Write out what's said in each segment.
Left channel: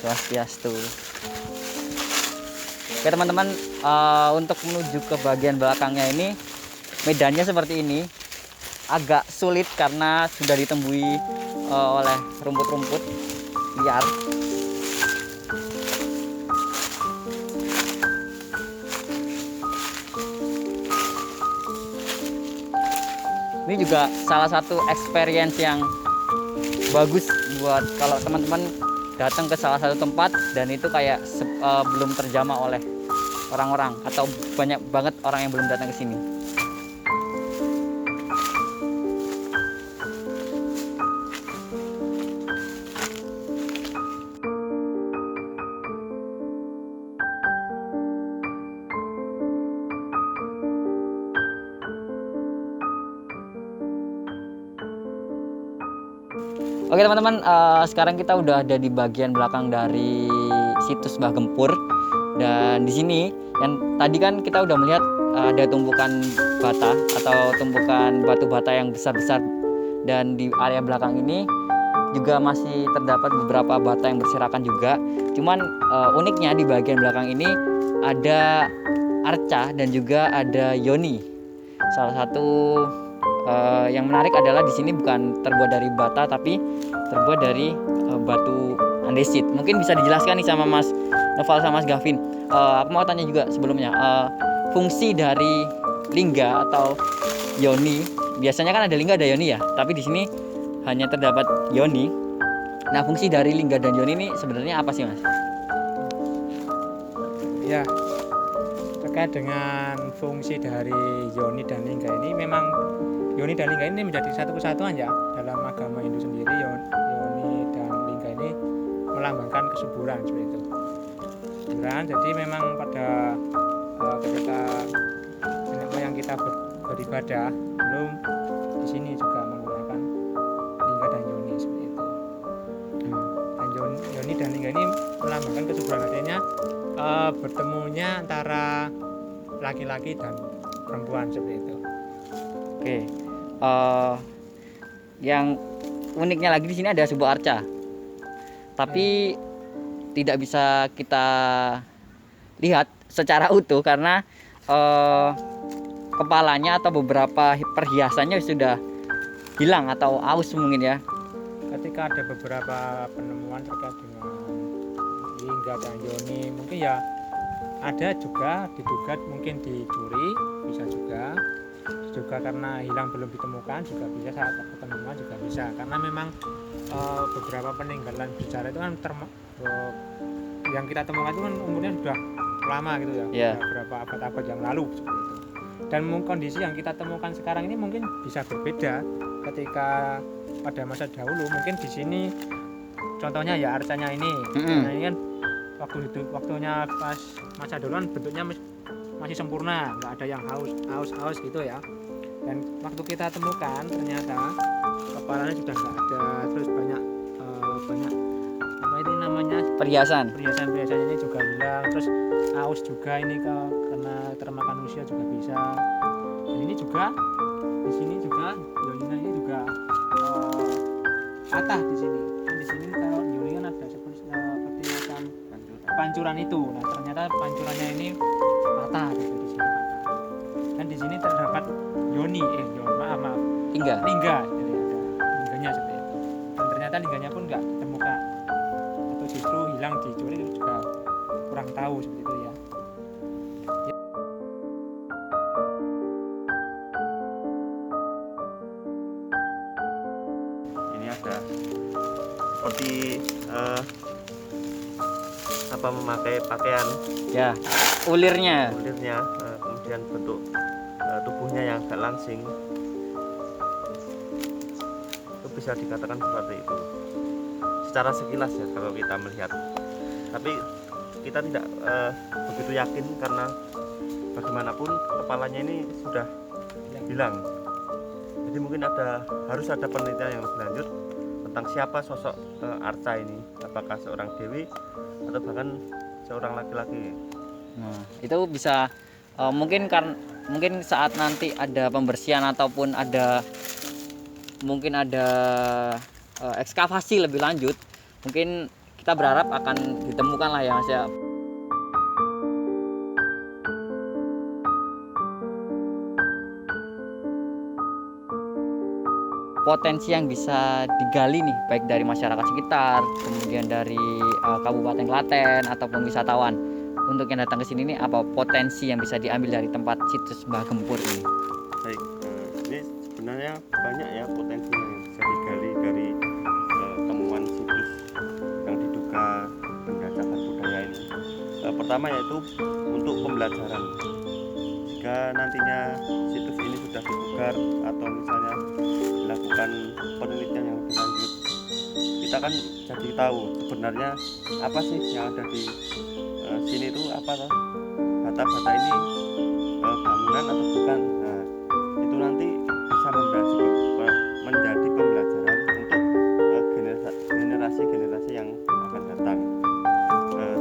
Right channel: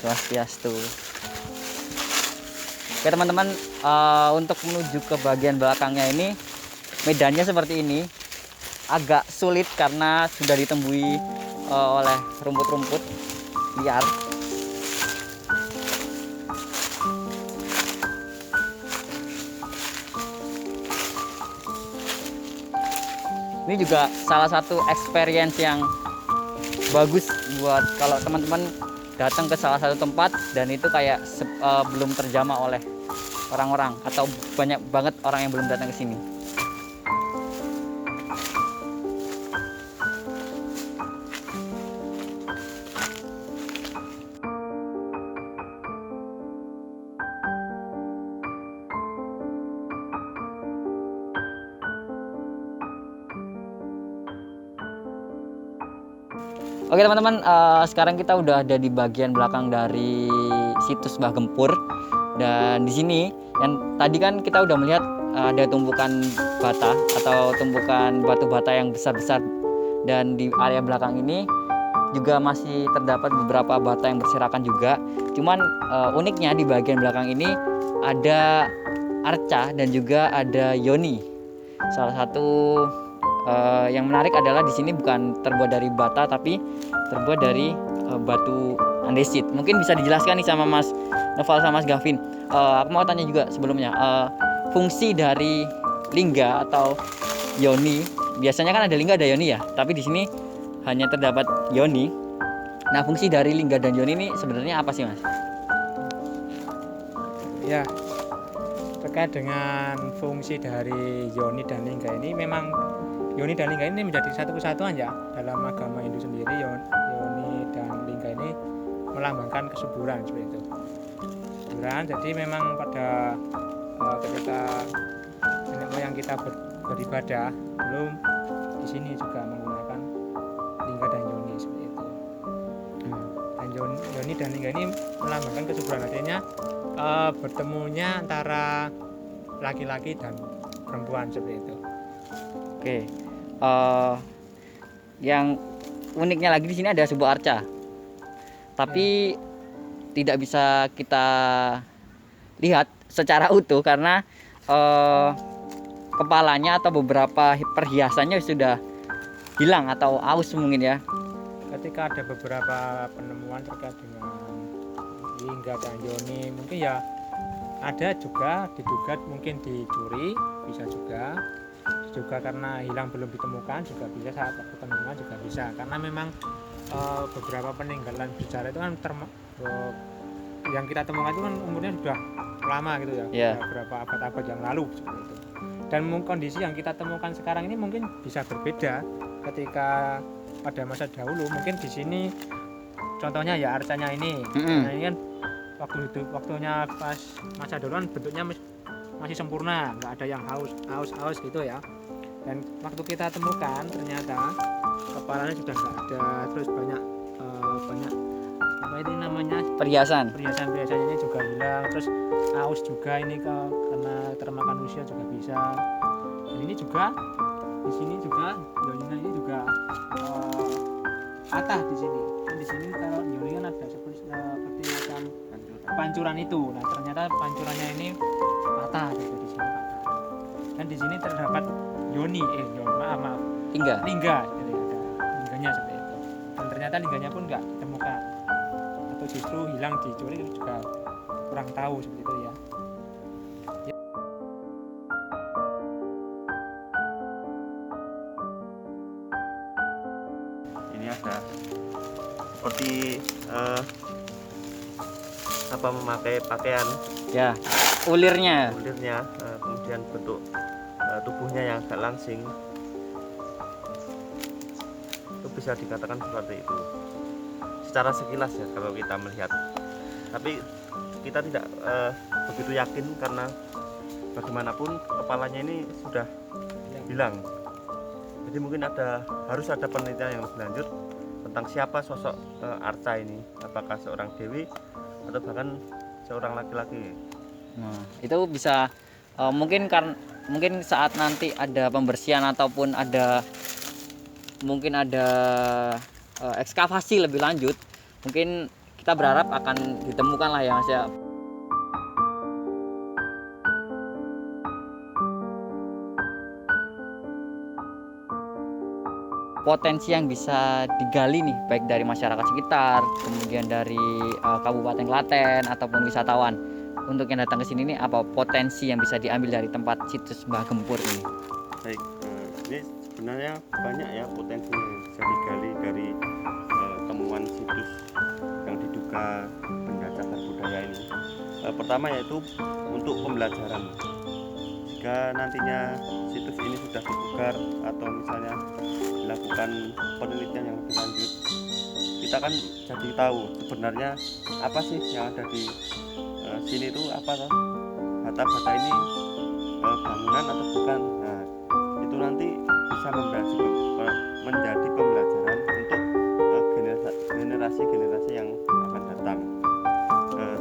Swastiastu. Oke teman-teman, untuk menuju ke bagian belakangnya ini medannya seperti ini, agak sulit karena sudah ditembui oleh rumput-rumput liar. Ini juga salah satu experience yang bagus buat kalau teman-teman datang ke salah satu tempat dan itu kayak belum terjamah oleh orang-orang atau banyak banget orang yang belum datang ke sini. Oke teman-teman, sekarang kita udah ada di bagian belakang dari situs Mbah Gempur. Dan di sini yang tadi kan kita udah melihat ada tumpukan bata atau tumpukan batu bata yang besar-besar. Dan di area belakang ini juga masih terdapat beberapa bata yang berserakan juga. Cuman uniknya di bagian belakang ini ada arca dan juga ada yoni. Salah satu yang menarik adalah di sini bukan terbuat dari bata tapi terbuat dari batu andesit. Mungkin bisa dijelaskan nih sama Mas Noval sama Mas Gavin. Aku mau tanya juga sebelumnya, fungsi dari lingga atau yoni. Biasanya kan ada lingga ada yoni ya, tapi di sini hanya terdapat yoni. Nah, fungsi dari lingga dan yoni ini sebenarnya apa sih, Mas? Ya, terkait dengan fungsi dari yoni dan lingga ini, memang yoni dan lingga ini menjadi satu kesatuan ya dalam agama Hindu sendiri. Yoni dan lingga ini melambangkan kesuburan seperti itu. Kesuburan. Jadi memang pada ketika nenek moyang kita beribadah, belum di sini juga menggunakan lingga dan yoni seperti itu. Dan yoni dan lingga ini melambangkan kesuburan, artinya bertemunya antara laki-laki dan perempuan seperti itu. Oke, yang uniknya lagi di sini ada sebuah arca, tapi tidak bisa kita lihat secara utuh karena kepalanya atau beberapa perhiasannya sudah hilang atau aus mungkin ya. Ketika ada beberapa penemuan terkait dengan lingga dan yoni, mungkin ya ada juga diduga mungkin dicuri, bisa juga karena hilang belum ditemukan, juga bisa saat penemuan juga bisa, karena memang beberapa peninggalan bersejarah itu kan yang kita temukan itu kan umurnya sudah lama gitu ya, beberapa abad-abad yang lalu seperti itu. Dan kondisi yang kita temukan sekarang ini mungkin bisa berbeda ketika pada masa dahulu. Mungkin di sini contohnya ya arcanya ini, nah ini kan waktunya pas masa dulu kan bentuknya masih sempurna, nggak ada yang haus gitu ya. Dan waktu kita temukan ternyata kepalanya sudah nggak ada, terus banyak apa itu namanya perhiasan ini juga hilang, terus aus juga ini karena termakan usia juga bisa. Dan ini juga di sini juga yoninya ini juga patah di sini. Dan di sini kalau yoni kan ada seperti macam pancuran itu. Nah ternyata pancurannya ini patah gitu, di sini patah. Dan di sini terdapat yoni, maaf lingga jadi ada lingganya seperti itu. Dan ternyata lingganya pun nggak ditemukan atau justru hilang dicuri, juga kurang tahu seperti itu ya. Ini ada seperti memakai pakaian Ya, ulirnya. Kemudian bentuk tubuhnya yang agak langsing, itu bisa dikatakan seperti itu secara sekilas ya kalau kita melihat, tapi kita tidak begitu yakin karena bagaimanapun kepalanya ini sudah hilang. Jadi mungkin harus ada penelitian yang lebih lanjut tentang siapa sosok arca ini, apakah seorang dewi atau bahkan seorang laki-laki. Nah, itu bisa mungkin saat nanti ada pembersihan ataupun ada ekskavasi lebih lanjut, mungkin kita berharap akan ditemukan lah ya Mas ya. Potensi yang bisa digali nih baik dari masyarakat sekitar, kemudian dari Kabupaten Klaten ataupun wisatawan untuk yang datang ke sini nih, apa potensi yang bisa diambil dari tempat situs Mbah Gempur ini? Baik, ini sebenarnya banyak ya potensi yang bisa digali dari temuan situs yang diduga benda cagar budaya ini. Pertama yaitu untuk pembelajaran. Jika nantinya situs ini sudah dipugar atau misalnya dilakukan penelitian yang lebih lanjut, kita kan jadi tahu sebenarnya apa sih yang ada di sini itu, apa toh bata-bata ini bangunan atau bukan. Nah, itu nanti bisa menjadi pembelajaran untuk generasi-generasi yang akan datang.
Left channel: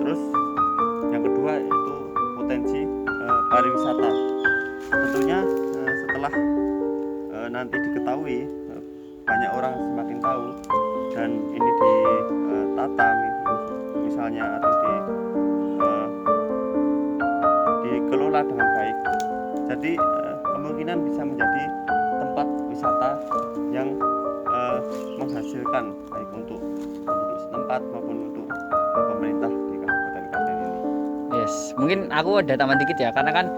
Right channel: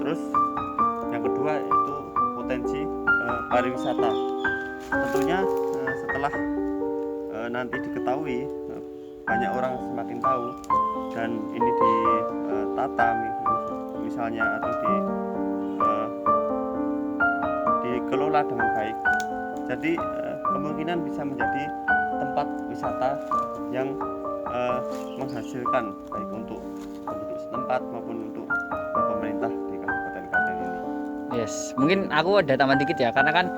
Terus yang kedua itu potensi pariwisata. Tentunya setelah nanti diketahui, banyak orang semakin tahu dan ini ditata misalnya atau dikelola dengan baik, jadi kemungkinan bisa menjadi tempat wisata yang menghasilkan baik untuk penduduk setempat maupun untuk pemerintah di Kabupaten Klaten ini. Yes, mungkin aku ada tambahan dikit ya, karena kan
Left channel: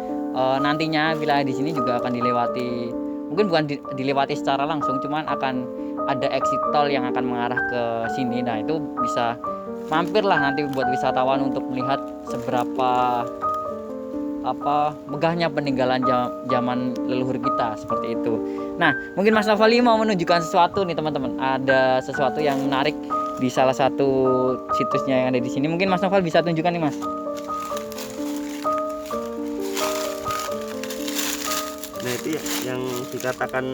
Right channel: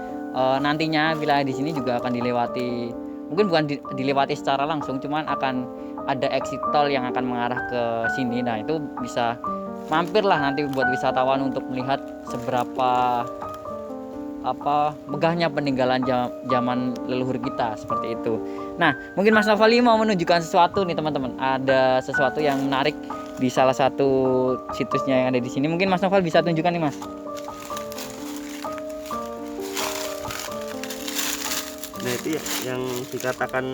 nantinya wilayah di sini juga akan dilewati, mungkin bukan dilewati secara langsung, cuman akan ada exit tol yang akan mengarah ke sini. Nah itu bisa mampir lah nanti buat wisatawan untuk melihat seberapa megahnya peninggalan zaman leluhur kita seperti itu. Nah mungkin Mas Novali mau menunjukkan sesuatu nih teman-teman, ada sesuatu yang menarik di salah satu situsnya yang ada di sini. Mungkin Mas Noval bisa tunjukkan nih Mas. Nah itu yang dikatakan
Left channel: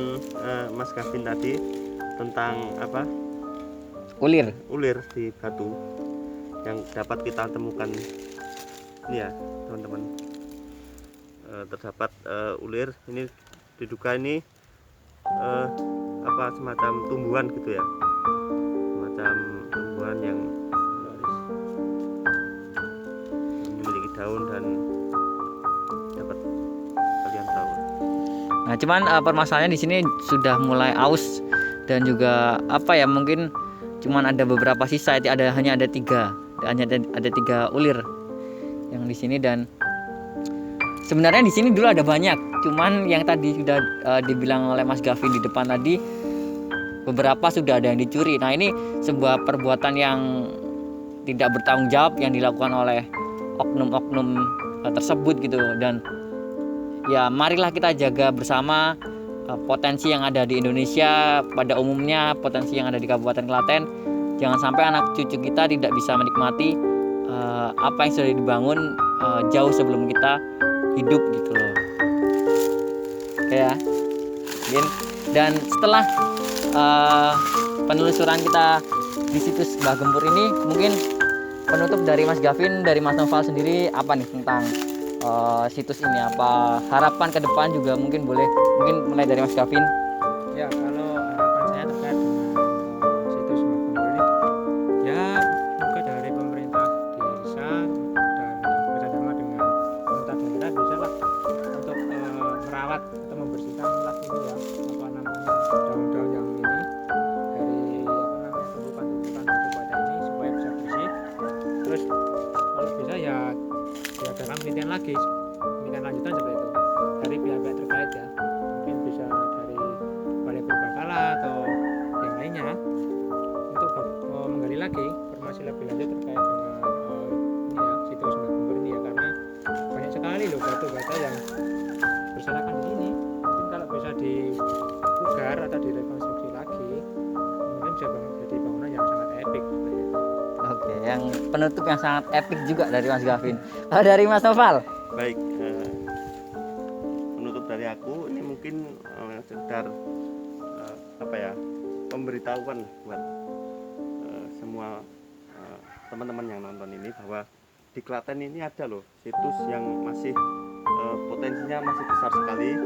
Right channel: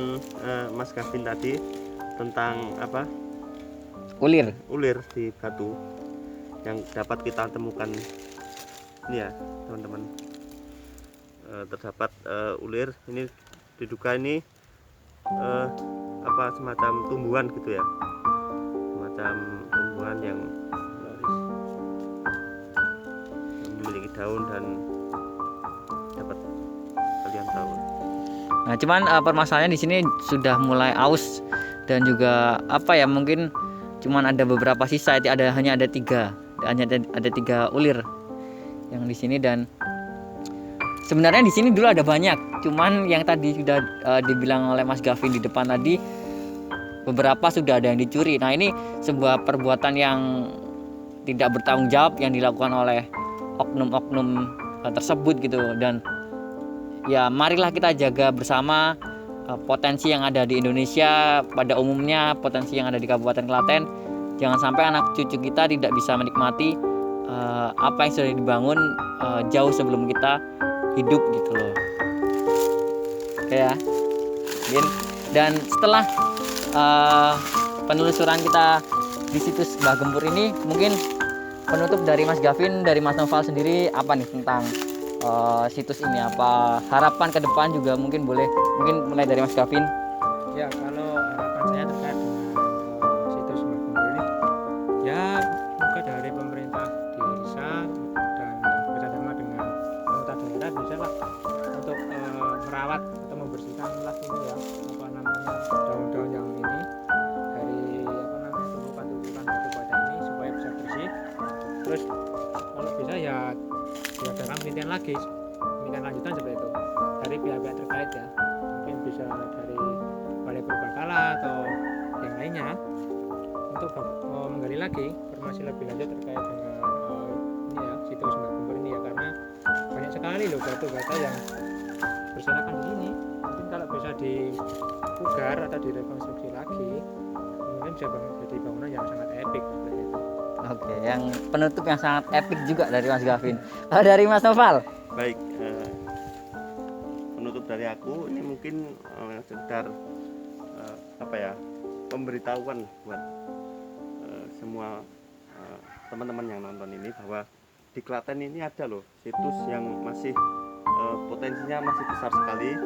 Mas Gavin tadi tentang apa? Ulir Di batu yang dapat kita temukan ini ya teman-teman. Terdapat ulir ini, diduga ini semacam tumbuhan gitu ya, semacam tumbuhan yang memiliki daun dan dapat kalian tahu. Nah, cuman permasalahannya di sini sudah mulai aus dan juga mungkin cuman ada beberapa sisa, hanya ada tiga ulir yang di sini. Dan sebenarnya di sini dulu ada banyak, cuman yang tadi sudah dibilang oleh Mas Gavin di depan tadi, beberapa sudah ada yang dicuri. Nah ini sebuah perbuatan yang tidak bertanggung jawab yang dilakukan oleh oknum-oknum tersebut gitu. Dan ya marilah kita jaga bersama potensi yang ada di Indonesia pada umumnya, potensi yang ada di Kabupaten Klaten. Jangan sampai anak cucu kita tidak bisa menikmati apa yang sudah dibangun jauh sebelum kita hidup gitu loh. Oke ya. Dan setelah penelusuran kita di situs Mbah Gempur ini, mungkin penutup dari Mas Gavin, dari Mas Noval sendiri apa nih tentang situs ini? Apa harapan ke depan juga mungkin boleh, mungkin mulai dari Mas Gavin. Ya, kalau harapan saya terkait dengan situs Mbah Gempur ini, ya semoga dari pemerintah desa dan yang bekerjasama dengan pemerintah daerah bisa lah untuk merawat atau membersihkan lah ini ya, daun-daun yang ini dari tumpukan-tumpukan batu bata ini supaya bisa bersih. Terus kalau bisa ya diadakan penelitian lanjutan seperti itu dari pihak-pihak terkait ya, mungkin bisa dari Balai Purbakala atau yang lainnya untuk menggali lagi informasi lebih lanjut terkait dengan ini ya, situs Mbah Gempur ini ya, karena banyak sekali loh batu-bata yang berserakan di sini. Mungkin kalau bisa dipugar atau direkonstruksi lagi, mungkin bisa jadi bangunan yang sangat epik seperti itu. Oke, yang penutup yang sangat epik juga dari Mas Gavin. Kalau dari Mas Noval? Baik, penutup dari aku ini mungkin sekedar pemberitahuan buat semua teman-teman yang nonton ini, bahwa di Klaten ini ada loh situs yang masih potensinya masih besar sekali,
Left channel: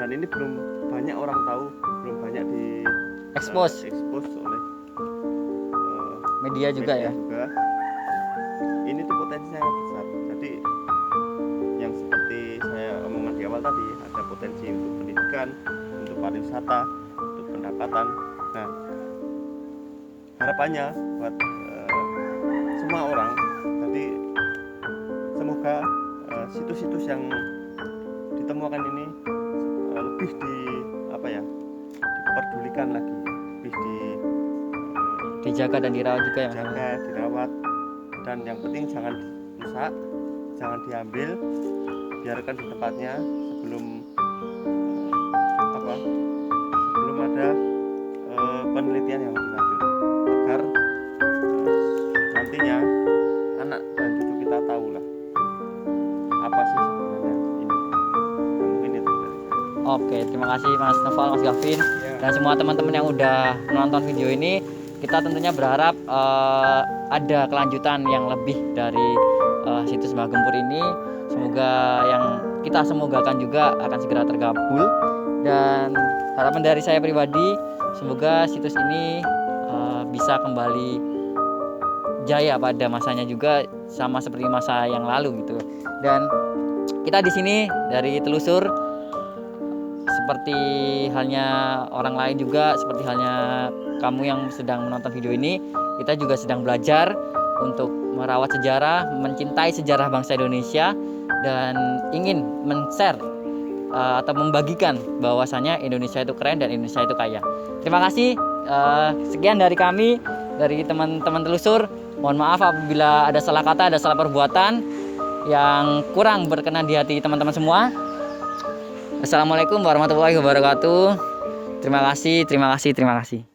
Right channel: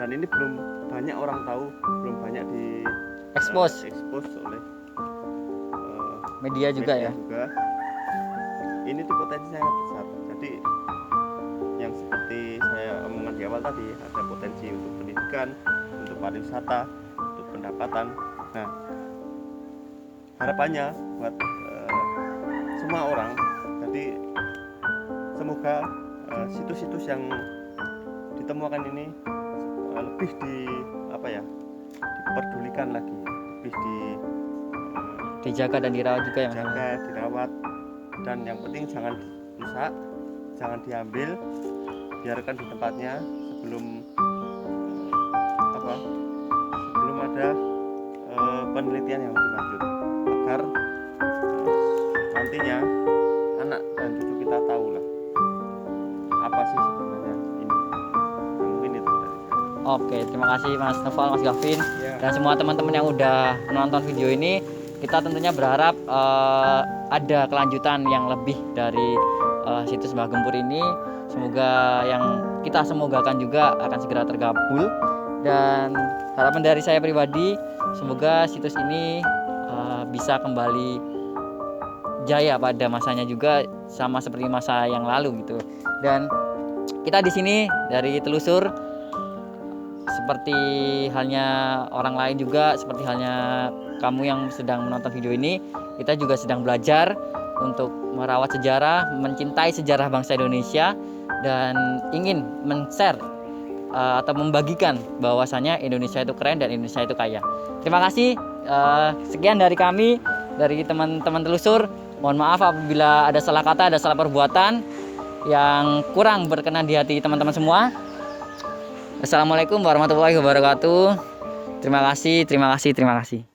dan ini belum banyak orang tahu, belum banyak di Expose oleh media juga ya. juga. Ini tuh potensi sangat besar. Jadi yang seperti saya omongan di awal tadi, ada potensi untuk pendidikan, untuk pariwisata, untuk pendapatan. Nah, harapannya buat semua orang, jadi semoga situs-situs yang ditemukan ini lebih diperdulikan lagi, lebih Dijaga dan dirawat juga ya Mas. dijaga, dirawat, dan yang penting jangan rusak, jangan diambil, biarkan di tempatnya sebelum ada penelitian yang lebih lanjut, agar nantinya anak dan cucu kita tahu lah apa sih sebenarnya ini. Nah, mungkin itu dari saya. Oke, terima kasih Mas Noval, Mas Gavin, Ya. dan semua teman-teman yang udah menonton video ini. Kita tentunya berharap ada kelanjutan yang lebih dari situs Mbah Gempur ini. Semoga yang kita semogakan juga akan segera terkabul. Dan harapan dari saya pribadi, semoga situs ini bisa kembali jaya pada masanya juga, sama seperti masa yang lalu gitu. Dan kita di sini dari telusur, seperti halnya orang lain juga, seperti halnya kamu yang sedang menonton video ini, kita juga sedang belajar untuk merawat sejarah, mencintai sejarah bangsa Indonesia, dan ingin men-share atau membagikan bahwasannya Indonesia itu keren dan Indonesia itu kaya. Terima kasih. Sekian dari kami, dari teman-teman telusur. Mohon maaf apabila ada salah kata, ada salah perbuatan yang kurang berkenan di hati teman-teman semua. Assalamualaikum warahmatullahi wabarakatuh. Terima kasih, terima kasih, terima kasih.